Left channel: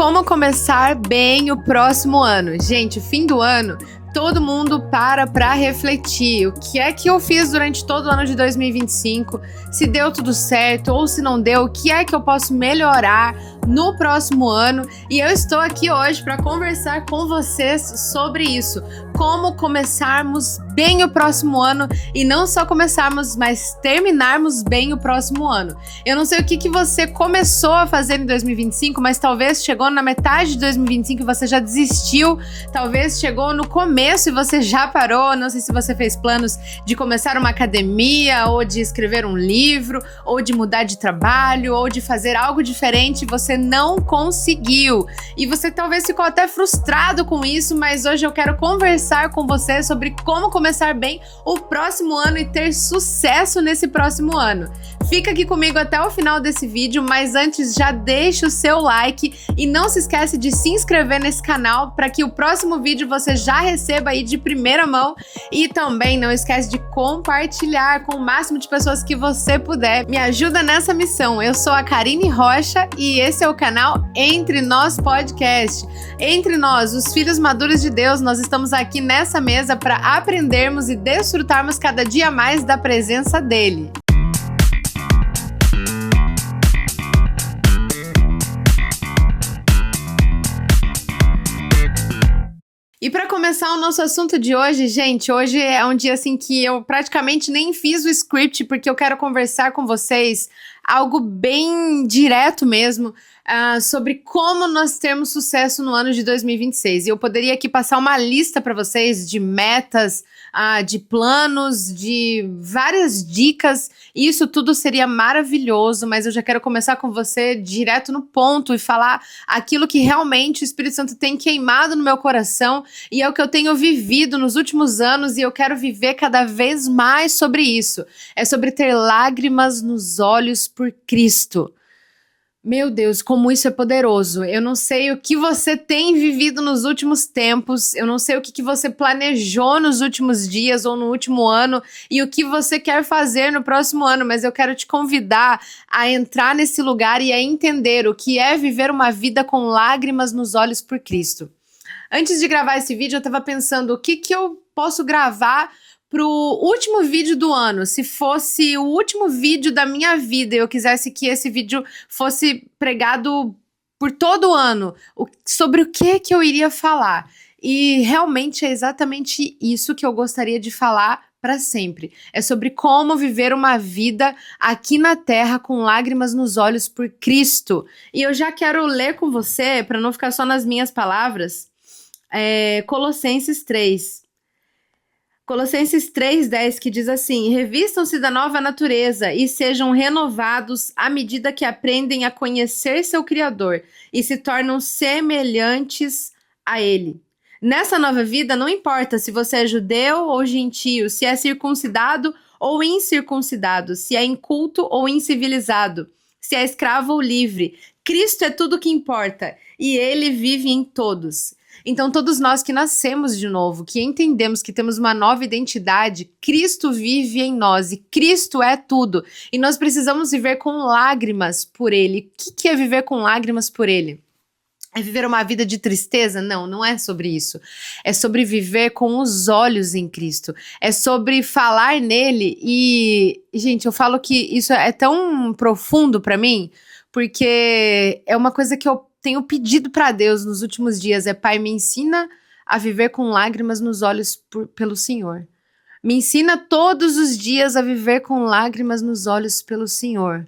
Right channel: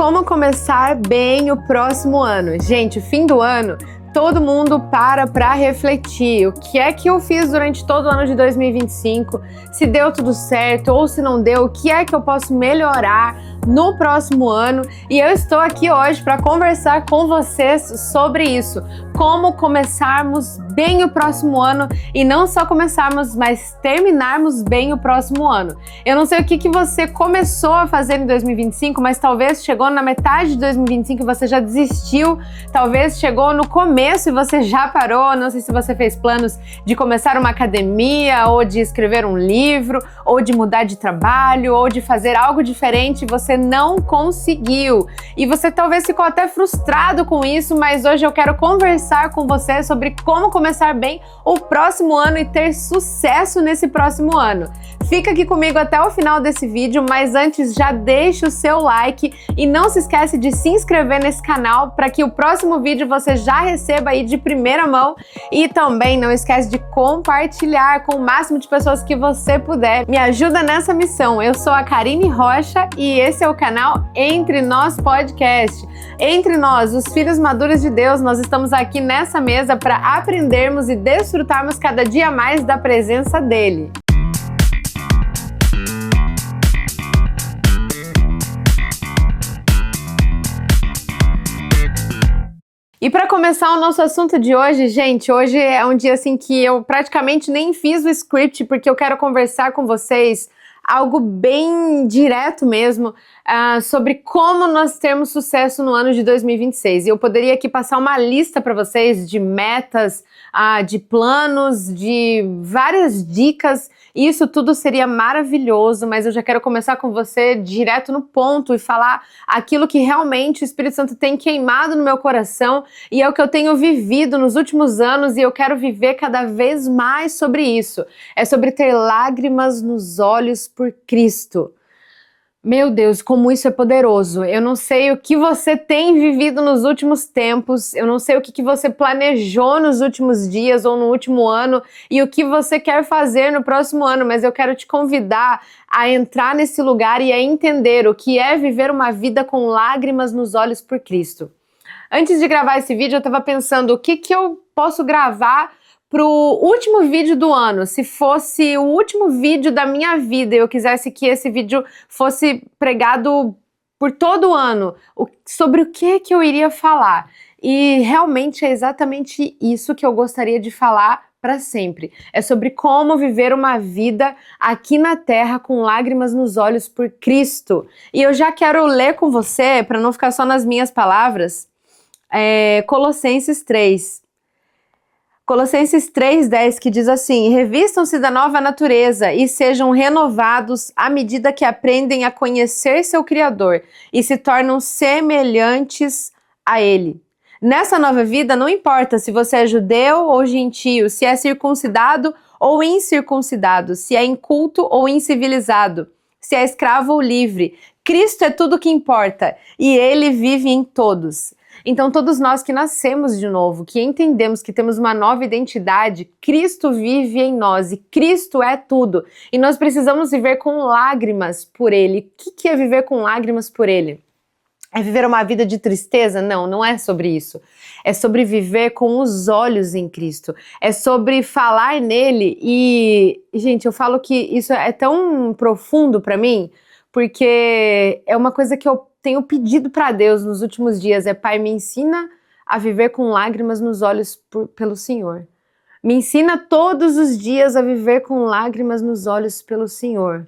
Como começar bem o próximo ano? Gente, fim do ano, todo mundo para refletir. O que é que eu fiz durante todo o ano de 2025? Se deu tudo certo ou se não deu, o que é que eu posso melhorar no próximo ano? E eu estou aqui hoje para conversar com vocês sobre isso. Como começarmos bem o próximo ano e não só começarmos, mas terminarmos bem o próximo ano. Eu não sei o que você começou a fazer em 2025, mas talvez chegou na metade de 2025 e você já desistiu, talvez chegou no começo e você já parou. Não sei se você fez planos de começar uma academia, ou de escrever um livro, ou de mudar de trabalho, ou de fazer algo diferente, você não conseguiu. E você talvez ficou até frustrado com isso, mas hoje eu quero conversar com você sobre como começar bem o próximo ano e ter sucesso nesse próximo ano. Fica aqui comigo até o final desse vídeo, mas antes já deixa o seu like e não se esquece de se inscrever nesse canal para que o próximo vídeo você já receba aí de primeira mão, e também não esquece de compartilhar com o máximo de pessoas que você puder. Me ajuda nessa missão. Eu sou a Karine Rocha e esse é o canal Entre Nós Podcast. Entre nós, os filhos maduros de Deus, nós estamos aqui nessa mesa para aprendermos e desfrutarmos cada dia mais da presença dele. E para começar o nosso assunto de hoje, gente, hoje é um dia assim que eu praticamente nem fiz o script, porque eu quero conversar com vocês algo bem direto mesmo, sobre como nós temos sucesso no ano de 2026. E eu poderia aqui passar uma lista para vocês de metas, de planos, de várias dicas. Isso tudo seria maravilhoso, mas eu já quero começar com você direto no ponto e falar aquilo que realmente o Espírito Santo tem queimado no meu coração e é o que eu tenho vivido nos últimos anos, e eu quero viver cada vez mais sobre isso. É sobre ter lágrimas nos olhos por Cristo. Meu Deus, como isso é poderoso. Eu não sei o que você tem vivido nos últimos tempos, eu não sei o que você planejou nos últimos dias ou no último ano e o que você quer fazer no próximo ano, mas eu quero te convidar a entrar nesse lugar e a entender o que é viver uma vida com lágrimas nos olhos por Cristo. Antes de gravar esse vídeo, eu estava pensando o que eu posso gravar pro último vídeo do ano. Se fosse o último vídeo da minha vida e eu quisesse que esse vídeo fosse pregado por todo o ano, sobre o que eu iria falar. E realmente é exatamente isso que eu gostaria de falar para sempre. É sobre como viver uma vida aqui na terra com lágrimas nos olhos por Cristo. E eu já quero ler com você, para não ficar só nas minhas palavras, Colossenses 3. Colossenses 3,10, que diz assim: revistam-se da nova natureza e sejam renovados à medida que aprendem a conhecer seu Criador e se tornam semelhantes a Ele. Nessa nova vida, não importa se você é judeu ou gentio, se é circuncidado ou incircuncidado, se é inculto ou incivilizado, se é escravo ou livre. Cristo é tudo o que importa e Ele vive em todos. Então, todos nós que nascemos de novo, que entendemos que temos uma nova identidade, Cristo vive em nós e Cristo é tudo. E nós precisamos viver com lágrimas por Ele. O que é viver com lágrimas por Ele? É viver uma vida de tristeza? Não, não é sobre isso. É sobre viver com os olhos em Cristo. É sobre falar nele e, gente, eu falo que isso é tão profundo para mim, porque é uma coisa que eu tenho pedido para Deus nos últimos dias, Pai, me ensina a viver com lágrimas nos olhos pelo Senhor. Me ensina todos os dias a viver com lágrimas nos olhos pelo Senhor.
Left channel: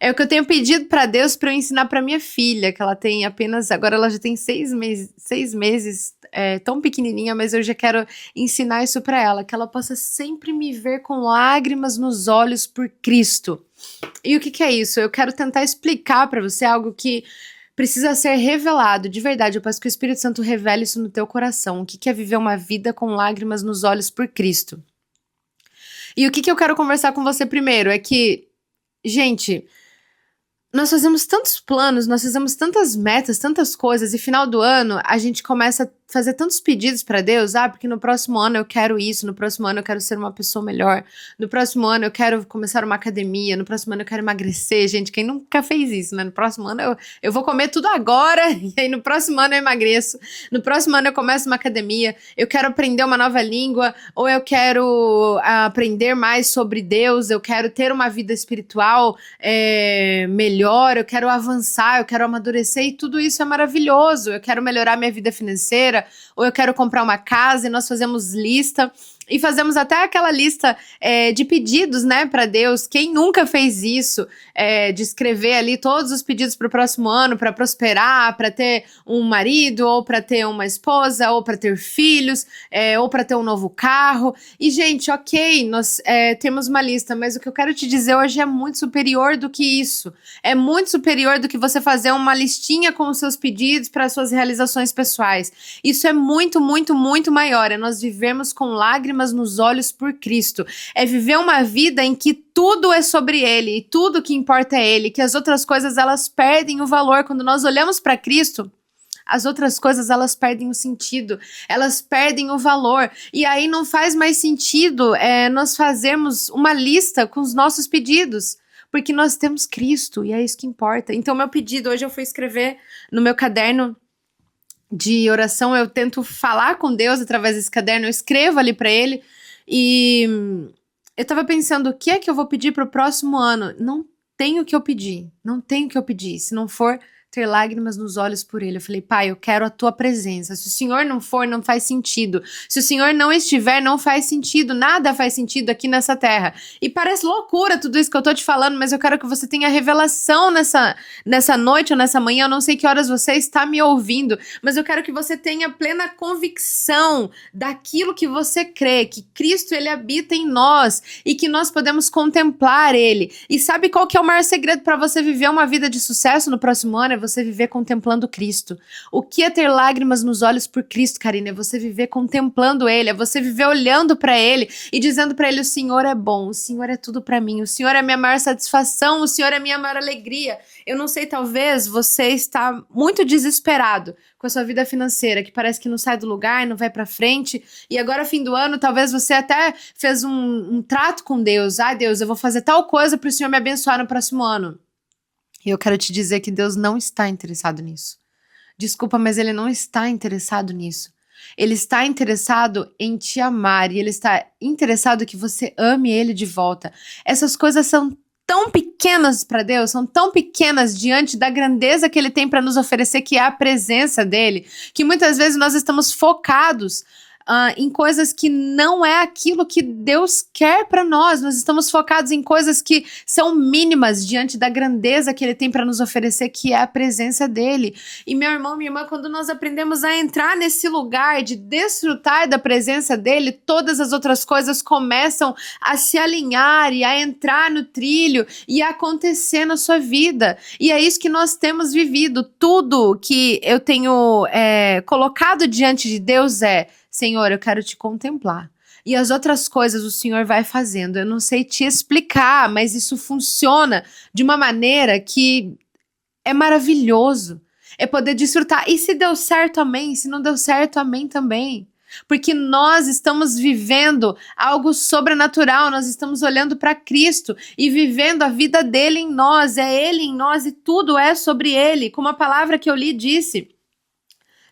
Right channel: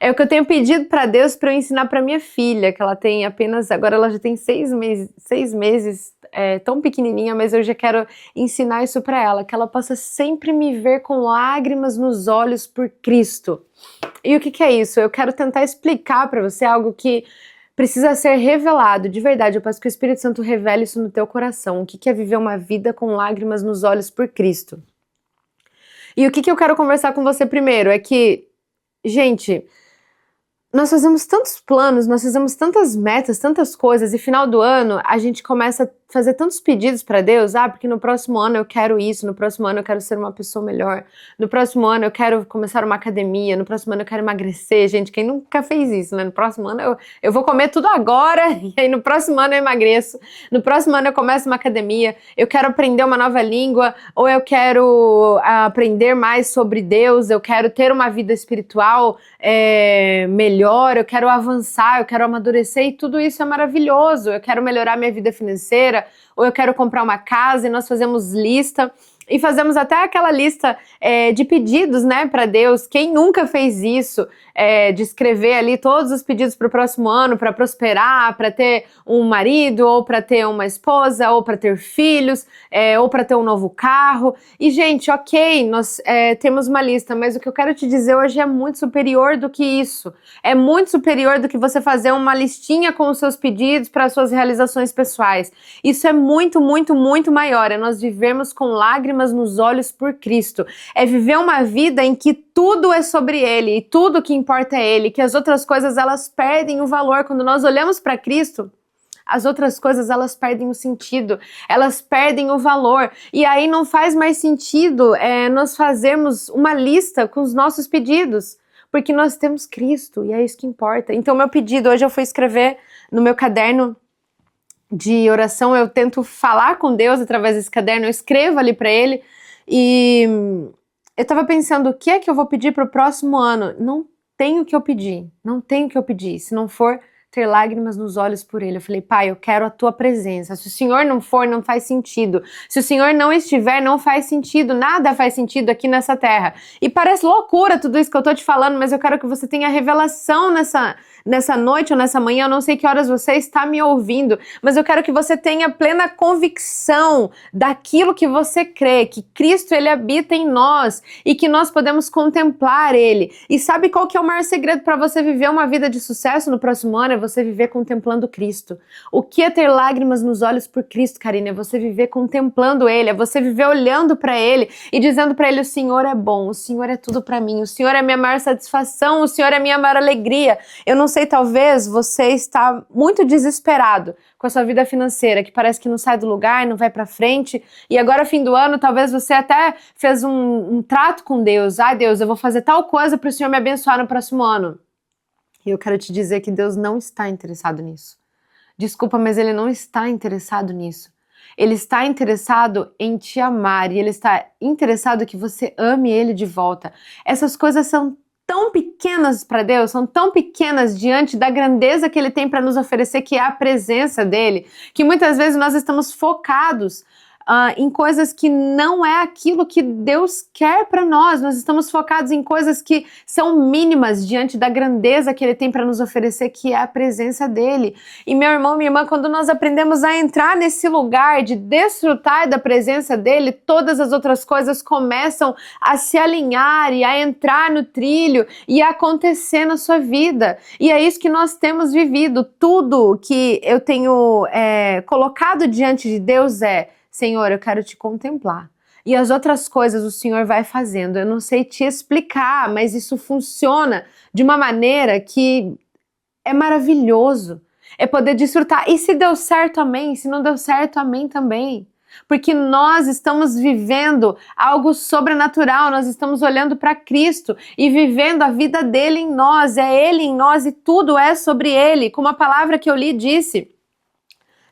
É o que eu tenho pedido para Deus para eu ensinar para minha filha, que ela tem apenas, agora ela já tem 6 meses, tão pequenininha, mas eu já quero ensinar isso para ela, que ela possa sempre me ver com lágrimas nos olhos por Cristo. E o que é isso? Eu quero tentar explicar para você algo que precisa ser revelado, de verdade. Eu peço que o Espírito Santo revele isso no teu coração. O que é viver uma vida com lágrimas nos olhos por Cristo? E o que eu quero conversar com você primeiro é que, gente, nós fazemos tantos planos, nós fazemos tantas metas, tantas coisas, e final do ano a gente começa fazer tantos pedidos para Deus, porque no próximo ano eu quero isso, no próximo ano eu quero ser uma pessoa melhor, no próximo ano eu quero começar uma academia, no próximo ano eu quero emagrecer. Gente, quem nunca fez isso, né? No próximo ano eu vou comer tudo agora, e aí no próximo ano eu emagreço, no próximo ano eu começo uma academia, eu quero aprender uma nova língua, ou eu quero aprender mais sobre Deus, eu quero ter uma vida espiritual melhor, eu quero avançar, eu quero amadurecer, e tudo isso é maravilhoso. Eu quero melhorar minha vida financeira, ou eu quero comprar uma casa, e nós fazemos lista, e fazemos até aquela lista de pedidos, né, para Deus. Quem nunca fez isso? De escrever ali todos os pedidos para o próximo ano, para prosperar, para ter um marido, ou para ter uma esposa, ou para ter filhos, ou para ter um novo carro. E, gente, ok, nós temos uma lista, mas o que eu quero te dizer hoje é muito superior do que isso. É muito superior do que você fazer uma listinha com os seus pedidos para as suas realizações pessoais. Isso é muito, muito, muito maior. É nós vivermos com lágrimas nos olhos por Cristo. É viver uma vida em que tudo é sobre Ele, e tudo que importa é Ele, que as outras coisas elas perdem o valor. Quando nós olhamos para Cristo, as outras coisas elas perdem o sentido, elas perdem o valor, e aí não faz mais sentido nós fazermos uma lista com os nossos pedidos, porque nós temos Cristo e é isso que importa. Então meu pedido hoje eu fui escrever no meu caderno de oração, eu tento falar com Deus através desse caderno, eu escrevo ali para Ele, e eu tava pensando, o que é que eu vou pedir pro próximo ano? Não tenho o que eu pedir, não tenho o que eu pedir, se não for ter lágrimas nos olhos por Ele. Eu falei, Pai, eu quero a Tua presença. Se o Senhor não for, não faz sentido. Se o Senhor não estiver, não faz sentido. Nada faz sentido aqui nessa terra. E parece loucura tudo isso que eu tô te falando, mas eu quero que você tenha revelação nessa noite ou nessa manhã. Eu não sei que horas você está me ouvindo, mas eu quero que você tenha plena convicção daquilo que você crê, que Cristo, Ele habita em nós e que nós podemos contemplar Ele. E sabe qual que é o maior segredo para você viver uma vida de sucesso no próximo ano? É você viver contemplando Cristo. O que é ter lágrimas nos olhos por Cristo, Karina? É você viver contemplando Ele, é você viver olhando para Ele e dizendo para Ele, o Senhor é bom, o Senhor é tudo para mim, o Senhor é a minha maior satisfação, o Senhor é a minha maior alegria. Eu não sei, talvez você está muito desesperado com a sua vida financeira, que parece que não sai do lugar, não vai para frente, e agora fim do ano, talvez você até fez um trato com Deus. Deus, eu vou fazer tal coisa para o Senhor me abençoar no próximo ano. E eu quero te dizer que Deus não está interessado nisso. Desculpa, mas Ele não está interessado nisso. Ele está interessado em te amar, e Ele está interessado que você ame Ele de volta. Essas coisas são tão pequenas para Deus, são tão pequenas diante da grandeza que Ele tem para nos oferecer, que é a presença dEle, que muitas vezes nós estamos focados em coisas que não é aquilo que Deus quer para nós. Nós estamos focados em coisas que são mínimas diante da grandeza que Ele tem para nos oferecer, que é a presença dEle. E meu irmão, minha irmã, quando nós aprendemos a entrar nesse lugar de desfrutar da presença dEle, todas as outras coisas começam a se alinhar e a entrar no trilho e a acontecer na sua vida. E é isso que nós temos vivido. Tudo que eu tenho colocado diante de Deus Senhor, eu quero te contemplar. E as outras coisas o Senhor vai fazendo. Eu não sei te explicar, mas isso funciona de uma maneira que é maravilhoso. É poder desfrutar. E se deu certo, amém. Se não deu certo, amém também. Porque nós estamos vivendo algo sobrenatural, nós estamos olhando para Cristo e vivendo a vida dele em nós. É Ele em nós e tudo é sobre Ele. Como a palavra que eu li disse,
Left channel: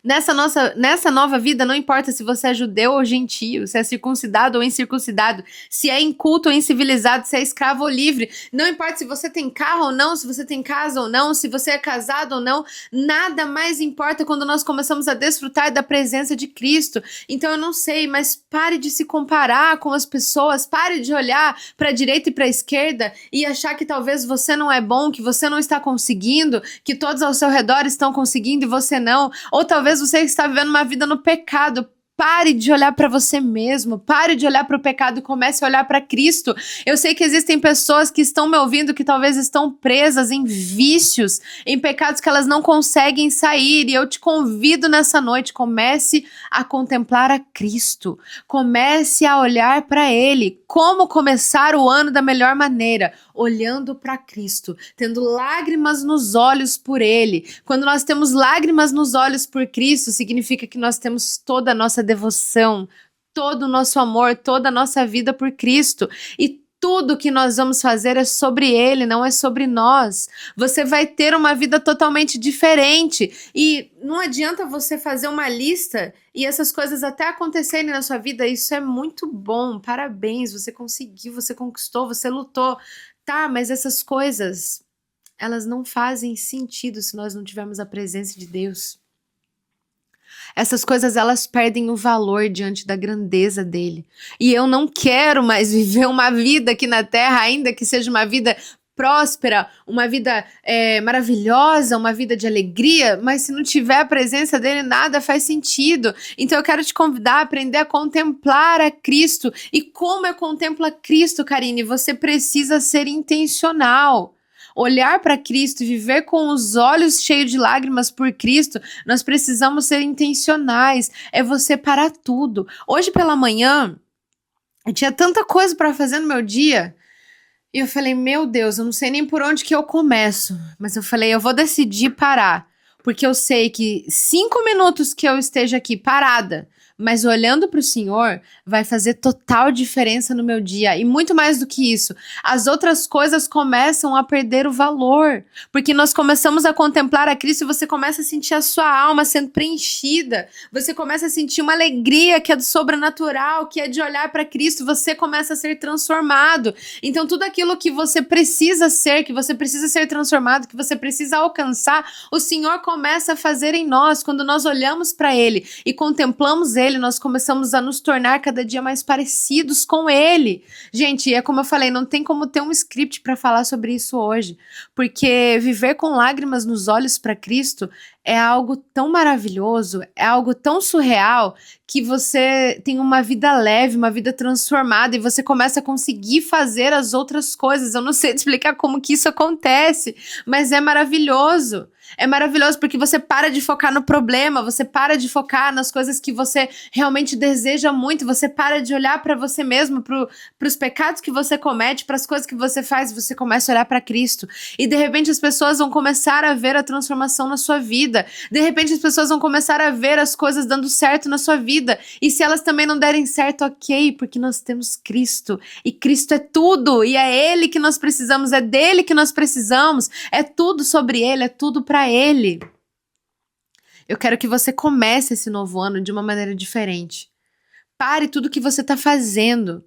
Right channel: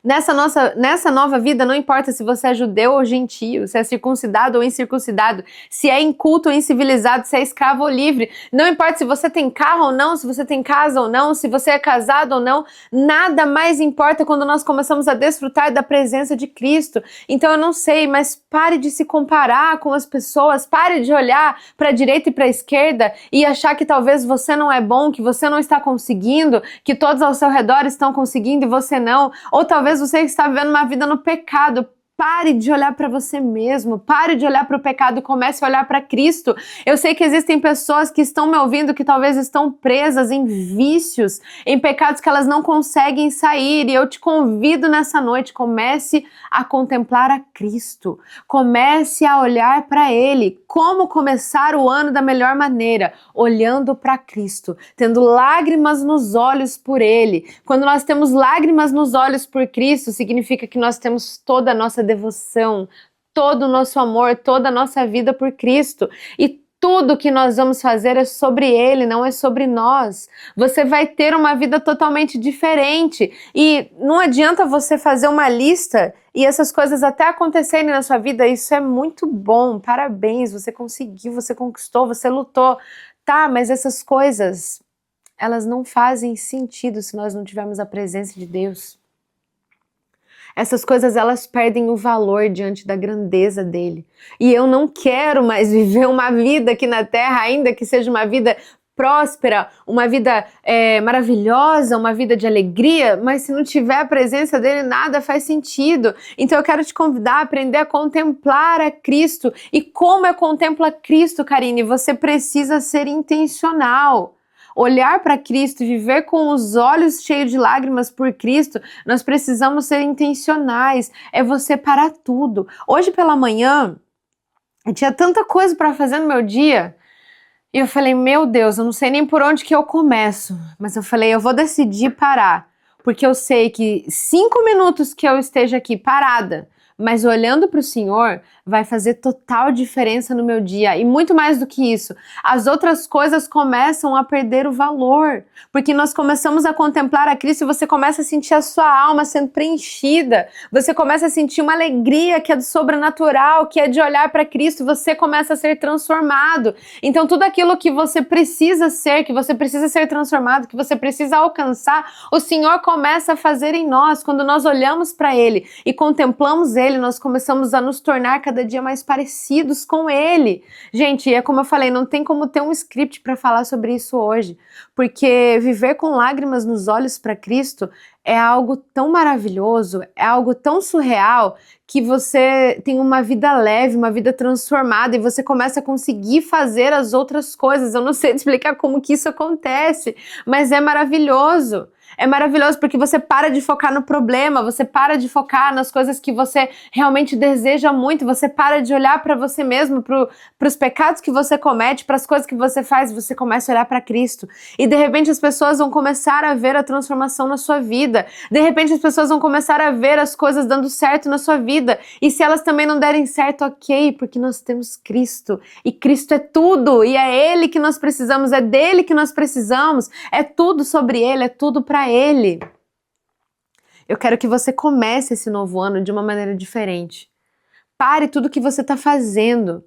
nessa nova vida, não importa se você é judeu ou gentio, se é circuncidado ou incircuncidado, se é inculto ou incivilizado, se é escravo ou livre, não importa se você tem carro ou não, se você tem casa ou não, se você é casado ou não, nada mais importa quando nós começamos a desfrutar da presença de Cristo. Então eu não sei, mas pare de se comparar com as pessoas, pare de olhar para a direita e para a esquerda e achar que talvez você não é bom, que você não está conseguindo, que todos ao seu redor estão conseguindo e você não, ou talvez você está vivendo uma vida no pecado. Pare de olhar para você mesmo, pare de olhar para o pecado e comece a olhar para Cristo. Eu sei que existem pessoas que estão me ouvindo que talvez estão presas em vícios, em pecados que elas não conseguem sair, e eu te convido nessa noite, comece a contemplar a Cristo, comece a olhar para Ele. Como começar o ano da melhor maneira? olhando para Cristo, tendo lágrimas nos olhos por Ele. Quando nós temos lágrimas nos olhos por Cristo, significa que nós temos toda a nossa devoção, todo o nosso amor, toda a nossa vida por Cristo. E tudo que nós vamos fazer é sobre Ele, não é sobre nós. Você vai ter uma vida totalmente diferente. E não adianta você fazer uma lista e essas coisas até acontecerem na sua vida. Isso é muito bom, parabéns, você conseguiu, você conquistou, você lutou. Tá, mas essas coisas, elas não fazem sentido se nós não tivermos a presença de Deus. Essas coisas, elas perdem o valor diante da grandeza dele. E eu não quero mais viver uma vida aqui na Terra, ainda que seja uma vida próspera, uma vida maravilhosa, uma vida de alegria, mas se não tiver a presença dele, nada faz sentido. Então eu quero te convidar a aprender a contemplar a Cristo. E como eu contemplo a Cristo, Karine? Você precisa ser intencional. Olhar para Cristo e viver com os olhos cheios de lágrimas por Cristo, nós precisamos ser intencionais. É você parar tudo. Hoje pela manhã, eu tinha tanta coisa para fazer no meu dia, e eu falei, meu Deus, eu não sei nem por onde que eu começo. Mas eu falei, eu vou decidir parar, porque eu sei que 5 minutos que eu esteja aqui parada, mas olhando para o Senhor, vai fazer total diferença no meu dia. E muito mais do que isso, as outras coisas começam a perder o valor, porque nós começamos a contemplar a Cristo, você começa a sentir a sua alma sendo preenchida, você começa a sentir uma alegria que é do sobrenatural, que é de olhar para Cristo, você começa a ser transformado. Então tudo aquilo que você precisa ser, que você precisa ser transformado, que você precisa alcançar, o Senhor começa a fazer em nós. Quando nós olhamos para Ele e contemplamos Ele, nós começamos a nos tornar cada dia mais parecidos com Ele. Gente, é como eu falei, não tem como ter um script para falar sobre isso hoje, porque viver com lágrimas nos olhos para Cristo é algo tão maravilhoso, é algo tão surreal, que você tem uma vida leve, uma vida transformada, e você começa a conseguir fazer as outras coisas. Eu não sei te explicar como que isso acontece, mas é maravilhoso. É maravilhoso porque você para de focar no problema, você para de focar nas coisas que você realmente deseja muito, você para de olhar para você mesmo, para os pecados que você comete, para as coisas que você faz, você começa a olhar para Cristo. E de repente as pessoas vão começar a ver a transformação na sua vida. De repente as pessoas vão começar a ver as coisas dando certo na sua vida. E se elas também não derem certo, ok, porque nós temos Cristo. E Cristo é tudo, e é Ele que nós precisamos, é dele que nós precisamos, é tudo sobre Ele, é tudo para Ele. Eu quero que você comece esse novo ano de uma maneira diferente. Pare tudo que você está fazendo.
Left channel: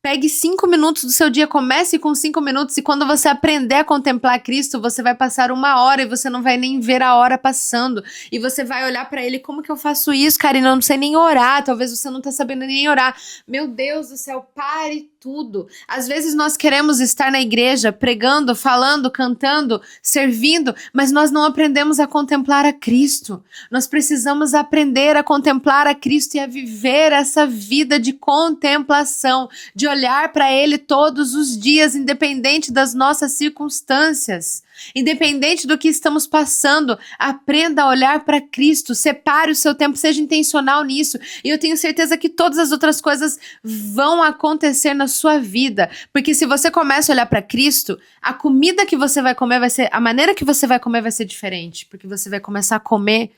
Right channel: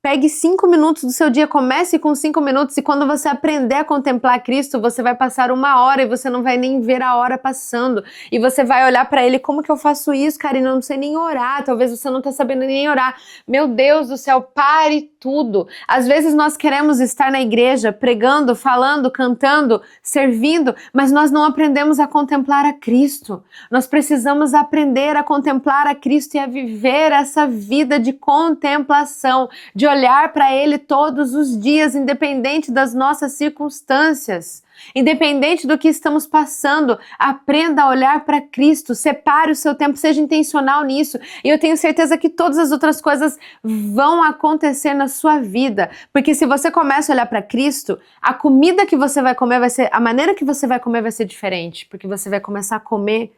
Pegue 5 minutos do seu dia, comece com 5 minutos, e quando você aprender a contemplar Cristo, você vai passar 1 hora e você não vai nem ver a hora passando. E você vai olhar para Ele, como que eu faço isso, Karina? Eu não sei nem orar, talvez você não está sabendo nem orar. Meu Deus do céu, pare tudo. Às vezes nós queremos estar na igreja, pregando, falando, cantando, servindo, mas nós não aprendemos a contemplar a Cristo. Nós precisamos aprender a contemplar a Cristo e a viver essa vida de contemplação, de olhar para Ele todos os dias, independente das nossas circunstâncias, independente do que estamos passando. Aprenda a olhar para Cristo, separe o seu tempo, seja intencional nisso, e eu tenho certeza que todas as outras coisas vão acontecer na sua vida, porque se você começa a olhar para Cristo, a comida que você vai comer vai ser, a maneira que você vai comer vai ser diferente, porque você vai começar a comer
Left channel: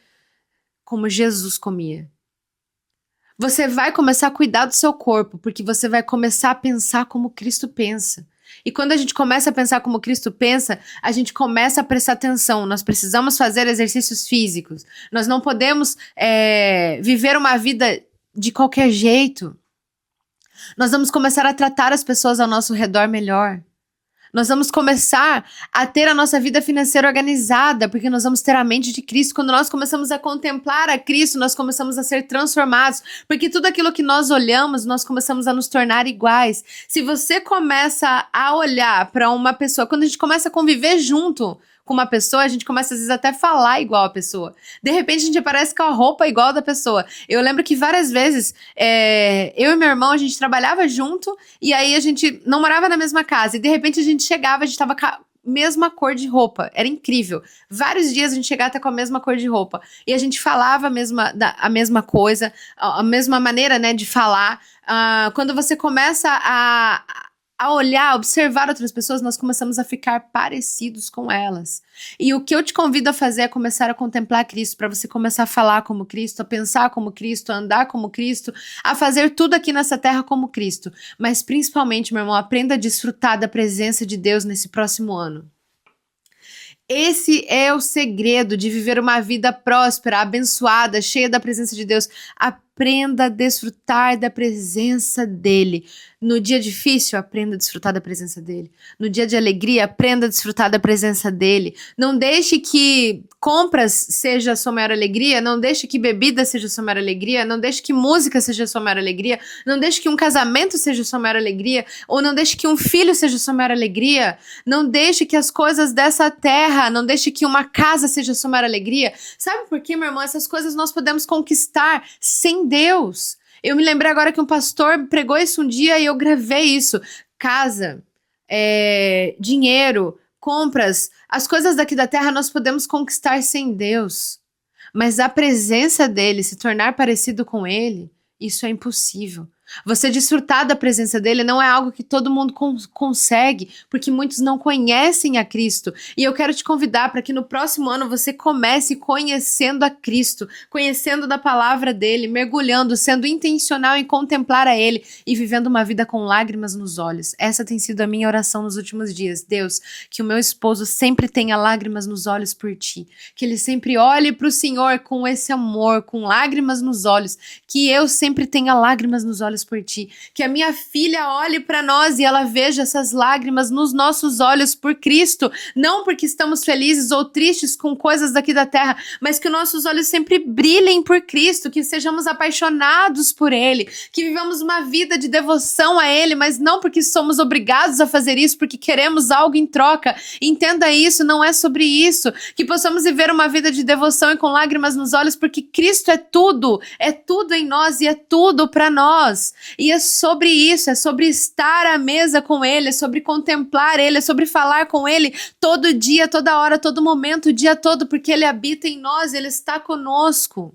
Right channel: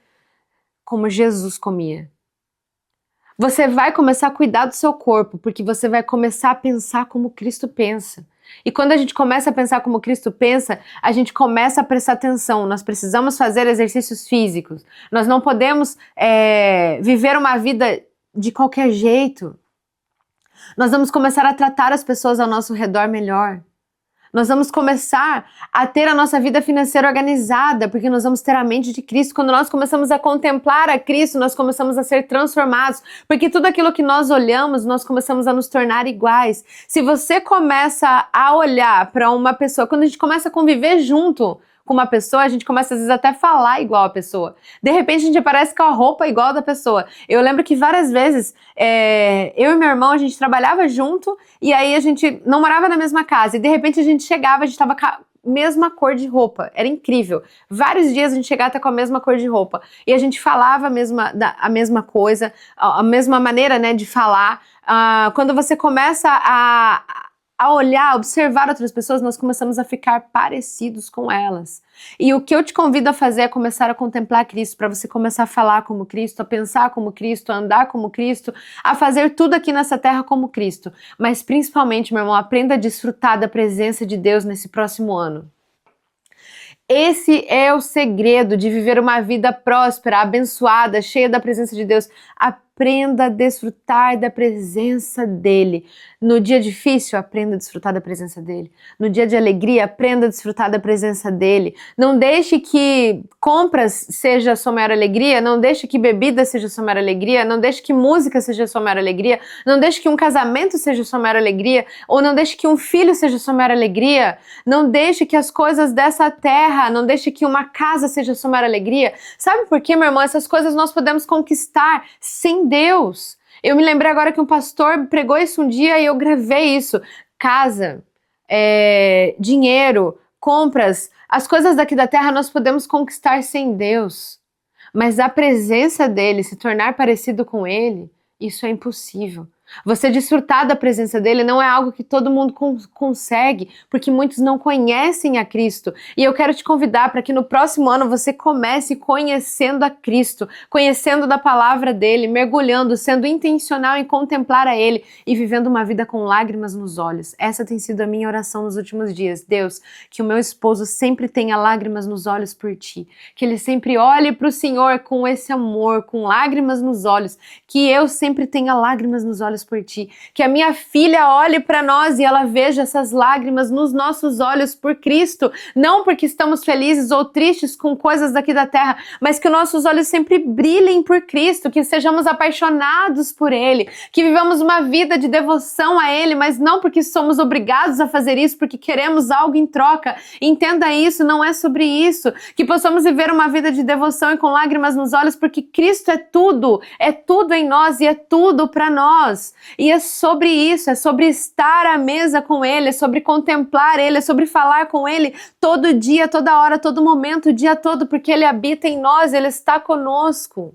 como Jesus comia. Você vai começar a cuidar do seu corpo, porque você vai começar a pensar como Cristo pensa. E quando a gente começa a pensar como Cristo pensa, a gente começa a prestar atenção. Nós precisamos fazer exercícios físicos. Nós não podemos viver uma vida de qualquer jeito. Nós vamos começar a tratar as pessoas ao nosso redor melhor. Nós vamos começar a ter a nossa vida financeira organizada, porque nós vamos ter a mente de Cristo. Quando nós começamos a contemplar a Cristo, nós começamos a ser transformados, porque tudo aquilo que nós olhamos, nós começamos a nos tornar iguais. Se você começa a olhar para uma pessoa, quando a gente começa a conviver junto com uma pessoa, a gente começa às vezes até a falar igual a pessoa. De repente a gente aparece com a roupa igual da pessoa. Eu lembro que várias vezes eu e meu irmão, a gente trabalhava junto, e aí a gente não morava na mesma casa, e de repente a gente chegava, a gente tava com a mesma cor de roupa. Era incrível. Vários dias a gente chegava até com a mesma cor de roupa. E a gente falava a mesma coisa, a mesma maneira, né, de falar. Quando você começa a olhar, observar outras pessoas, nós começamos a ficar parecidos com elas. E o que eu te convido a fazer é começar a contemplar Cristo, para você começar a falar como Cristo, a pensar como Cristo, a andar como Cristo, a fazer tudo aqui nessa terra como Cristo. Mas principalmente, meu irmão, aprenda a desfrutar da presença de Deus nesse próximo ano. Esse é o segredo de viver uma vida próspera, abençoada, cheia da presença de Deus. Aprenda a desfrutar da presença dele. No dia difícil, aprenda a desfrutar da presença dele. No dia de alegria, aprenda a desfrutar da presença dele. Não deixe que compras seja a sua maior alegria, não deixe que bebida seja a sua maior alegria, não deixe que música seja a sua maior alegria, não deixe que um casamento seja a sua maior alegria, ou não deixe que um filho seja a sua maior alegria, não deixe que as coisas dessa terra, não deixe que uma casa seja a sua maior alegria. Sabe por quê, meu irmão? Essas coisas nós podemos conquistar sem Deus. Eu me lembrei agora que um pastor pregou isso um dia e eu gravei isso. Casa, dinheiro, compras, as coisas daqui da terra nós podemos conquistar sem Deus. Mas a presença dele, se tornar parecido com ele, isso é impossível. Você desfrutar da presença dele não é algo que todo mundo consegue, porque muitos não conhecem a Cristo. E eu quero te convidar para que no próximo ano você comece conhecendo a Cristo, conhecendo da palavra dele, mergulhando, sendo intencional em contemplar a ele e vivendo uma vida com lágrimas nos olhos. Essa tem sido a minha oração nos últimos dias. Deus, que o meu esposo sempre tenha lágrimas nos olhos por ti, que ele sempre olhe para o Senhor com esse amor, com lágrimas nos olhos, que eu sempre tenha lágrimas nos olhos por ti, que a minha filha olhe para nós e ela veja essas lágrimas nos nossos olhos por Cristo, não porque estamos felizes ou tristes com coisas daqui da terra, mas que os nossos olhos sempre brilhem por Cristo, que sejamos apaixonados por Ele, que vivamos uma vida de devoção a Ele, mas não porque somos obrigados a fazer isso, porque queremos algo em troca. Entenda isso, não é sobre isso, que possamos viver uma vida de devoção e com lágrimas nos olhos, porque Cristo é tudo em nós e é tudo para nós. E é sobre isso, é sobre estar à mesa com Ele, é sobre contemplar Ele, é sobre falar com Ele todo dia, toda hora, todo momento, o dia todo, porque Ele habita em nós, Ele está conosco.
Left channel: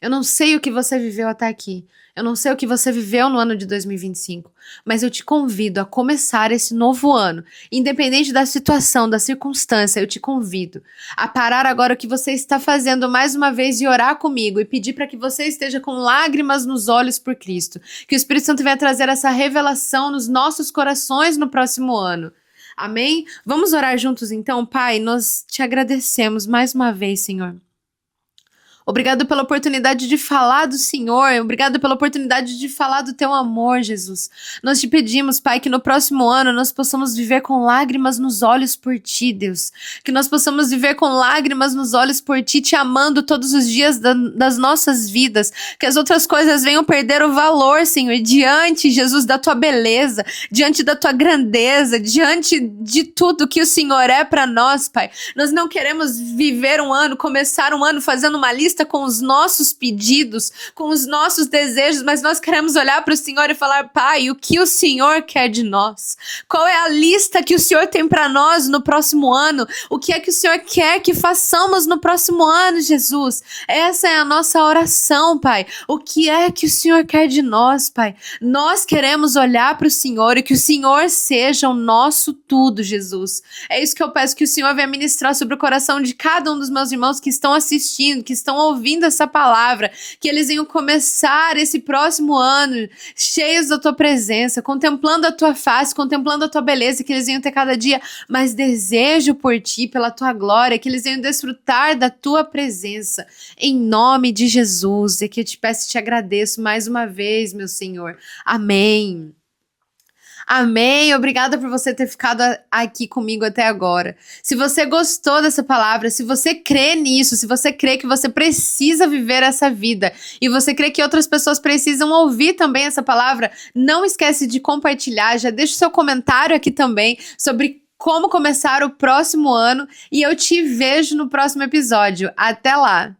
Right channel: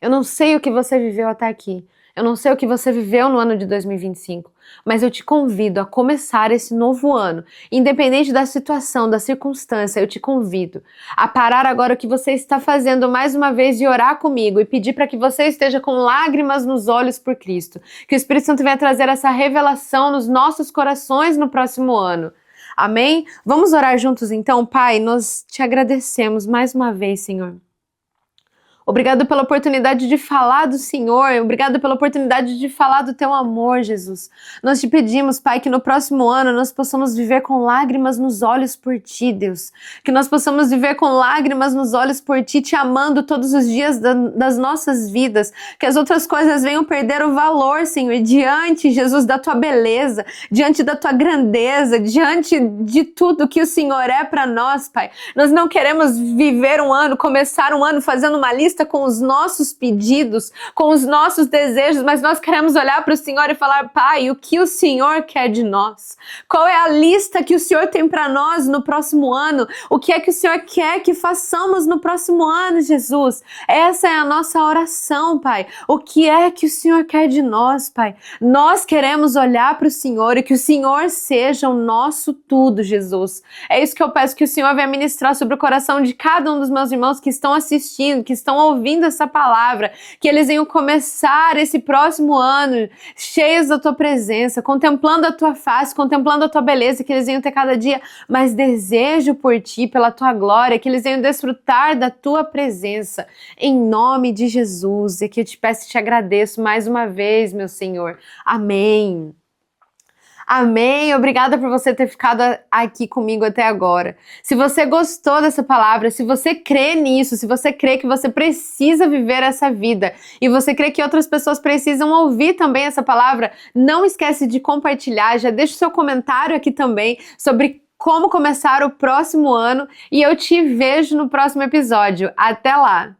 Eu não sei o que você viveu até aqui, eu não sei o que você viveu no ano de 2025, mas eu te convido a começar esse novo ano, independente da situação, da circunstância, eu te convido a parar agora o que você está fazendo mais uma vez e orar comigo e pedir para que você esteja com lágrimas nos olhos por Cristo, que o Espírito Santo venha trazer essa revelação nos nossos corações no próximo ano. Amém? Vamos orar juntos então, Pai, nós te agradecemos mais uma vez, Senhor. Obrigado pela oportunidade de falar do Senhor, obrigado pela oportunidade de falar do Teu amor, Jesus. Nós te pedimos, Pai, que no próximo ano nós possamos viver com lágrimas nos olhos por Ti, Deus. Que nós possamos viver com lágrimas nos olhos por Ti, Te amando todos os dias das nossas vidas. Que as outras coisas venham perder o valor, Senhor, diante, Jesus, da Tua beleza, diante da Tua grandeza, diante de tudo que o Senhor é para nós, Pai. Nós não queremos viver um ano, começar um ano fazendo uma lista com os nossos pedidos, com os nossos desejos, mas nós queremos olhar para o Senhor e falar: Pai, o que o Senhor quer de nós? Qual é a lista que o Senhor tem para nós no próximo ano? O que é que o Senhor quer que façamos no próximo ano, Jesus? Essa é a nossa oração, Pai. O que é que o Senhor quer de nós, Pai? Nós queremos olhar para o Senhor e que o Senhor seja o nosso tudo, Jesus. É isso que eu peço que o Senhor venha ministrar sobre o coração de cada um dos meus irmãos que estão assistindo, que estão ouvindo essa palavra, que eles venham começar esse próximo ano cheios da Tua presença, contemplando a Tua face, contemplando a Tua beleza, que eles venham ter cada dia mais desejo por Ti, pela Tua glória, que eles venham desfrutar da Tua presença, em nome de Jesus. E que eu te peço e te agradeço mais uma vez, meu Senhor. Amém. Amém, obrigada por você ter ficado aqui comigo até agora. Se você gostou dessa palavra, se você crê nisso, se você crê que você precisa viver essa vida e você crê que outras pessoas precisam ouvir também essa palavra, não esquece de compartilhar, já deixa o seu comentário aqui também sobre como começar o próximo ano e eu te vejo no próximo episódio. Até lá!